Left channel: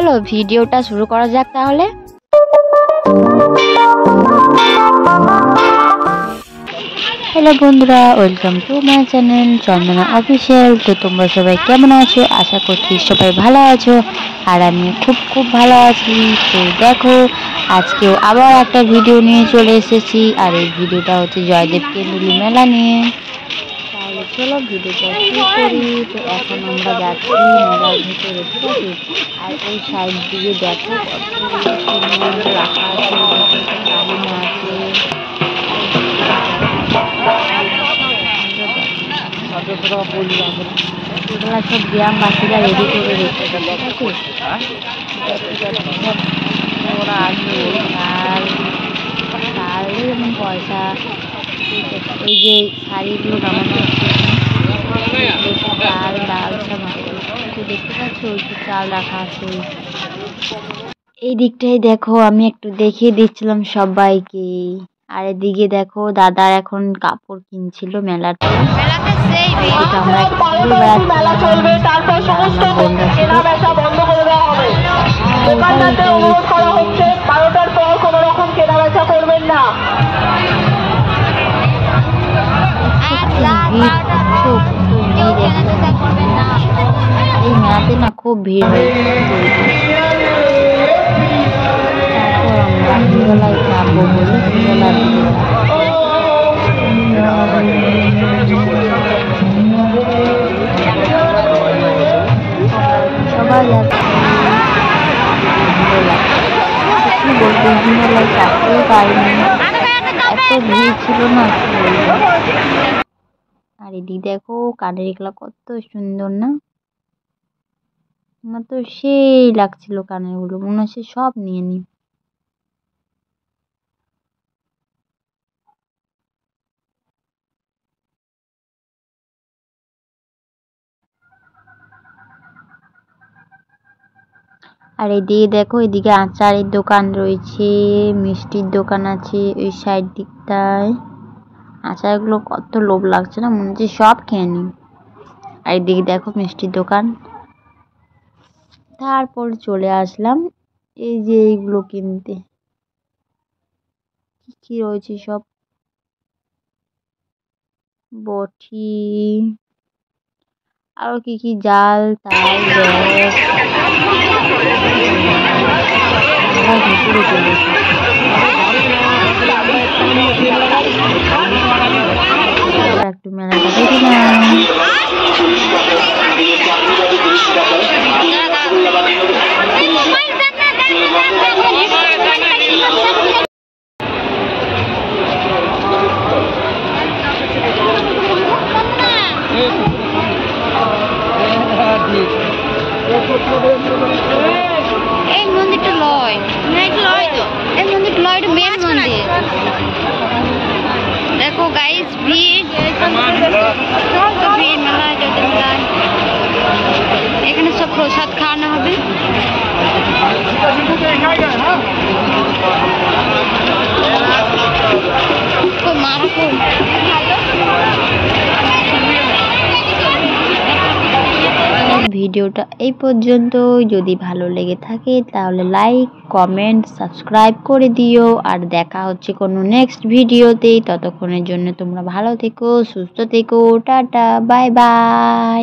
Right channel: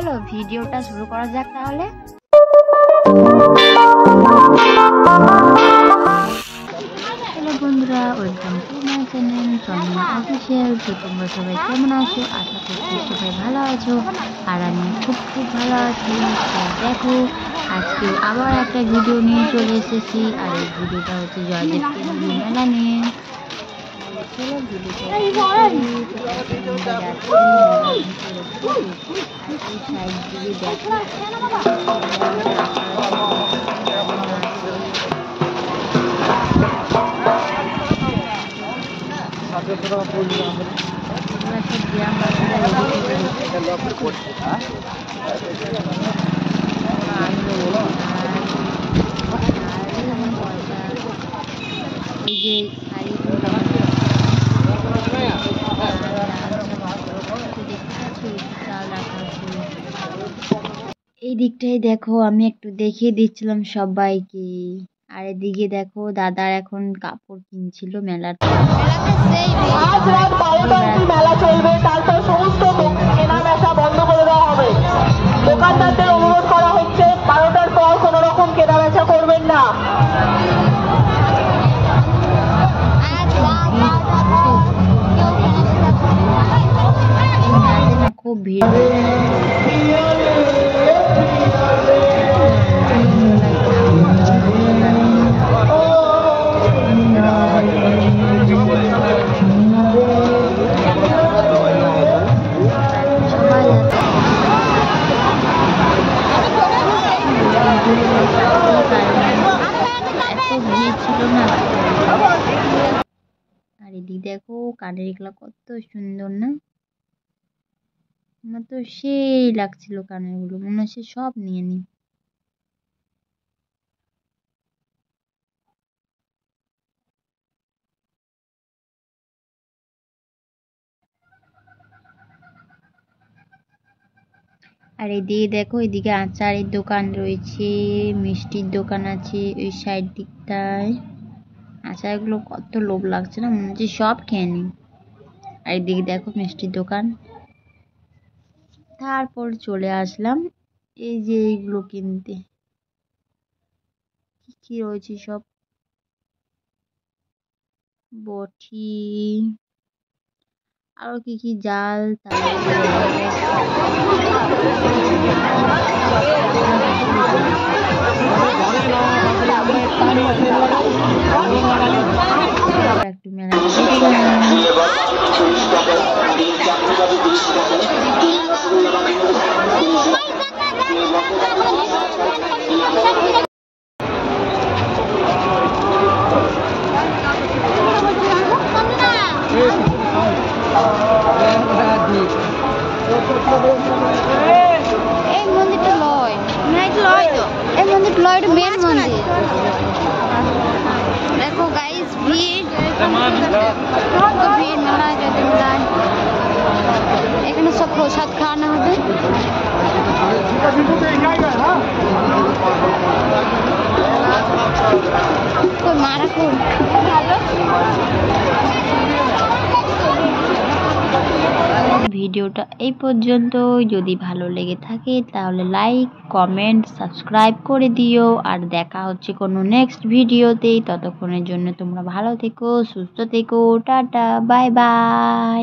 চলো ভিডিওটা শুরু করা যাক তাহলে। হ্যালো বন্ধুরা, welcome to my channel Chandana official. তো তোমরা সবাই কেমন আছো? আশা করছি সবাই ভালো আছো, আর আমি খুব ভালো আছি। তো দেখো, আজকেও আবার একটা ভিডিও নিয়ে চলে এসেছি, আর এই ভিডিওটা হচ্ছে জয়দেব কেন্দুলি মেলা নিয়ে। তাহলে চলো ভিডিওটা শুরু করি। তো এখন আমরা যাচ্ছি মেলার ভিতরে, ঠিক আছে? আর এই সাইড দিকে দেখো কত রাখা আছে, দাঁড়িয়ে আছে। এগুলা সব গ্রামবাসীরা রেডি করে রেখেছে। ওরা আসবে শাল এবং পয়সা, ওই যে শাড়িগুলো নামানো চাল ডাল সব দেখতে পাচ্ছি, ওই যে চাল রাখা আছে। এই দিকটাই দেখো, আমি একটু দেখিয়ে দিচ্ছিলাম সবাইকে। আর এদিকে দেখো দাদা এখন কাপড় কিনছিল মেলাতে। মেলা চলবে, তারপর সমস্ত কেনা বেচা বন্ধ করে দেওয়া হবে। দোকানদারদের অনুরোধ করা হচ্ছে 12টার পর কোনো রকম কেনা বেচা করবেন না। এই মেলাতে না খুব ভিড় হয়েছে। সবাই যাচ্ছে, এত ভিড় ছিল না। আর এদিক দেখো কানের এগুলা কত সুন্দর না, আমার তো সেই লাগছিল কানের গুলো, মনে হচ্ছে সব নিয়ে নি। আর এদিকে দেখো, এদিকে আচারের দোকান রয়েছে, মিষ্টির দোকান আছে ওই সাইড দিকটায়। আচারগুলো কত লোভ লাগছে না, মনে হচ্ছে সব খেয়ে নি। আর এদিকে দেখো মিষ্টির দোকান। তারপর চলে আসলাম এই যে এইগুলো কিনতে, কি রয়েছে সব বটি, আরো কি জাল তাল একটু মেলাটা দেখলাম। এই মন্দিরটা লয়, এই মন্দিরটা লয়, এটা মেন মন্দির। দেখো গাইস, ভিড় মেলা, যদি মেলা এখানে সব প্রসাদ খাওয়ানো হবে। ভিডিওটা এই পর্যন্ত। যদি ভালো লেগে থাকে তাহলে লাইক কমেন্ট সাবস্ক্রাইব করে দিও। আর দেখা হচ্ছে কোনো নেক্সট ভিডিওতে। ততক্ষণের জন্য তোমরা ভালো থেকো, সুস্থ থেকো, টাটা বাই বাই।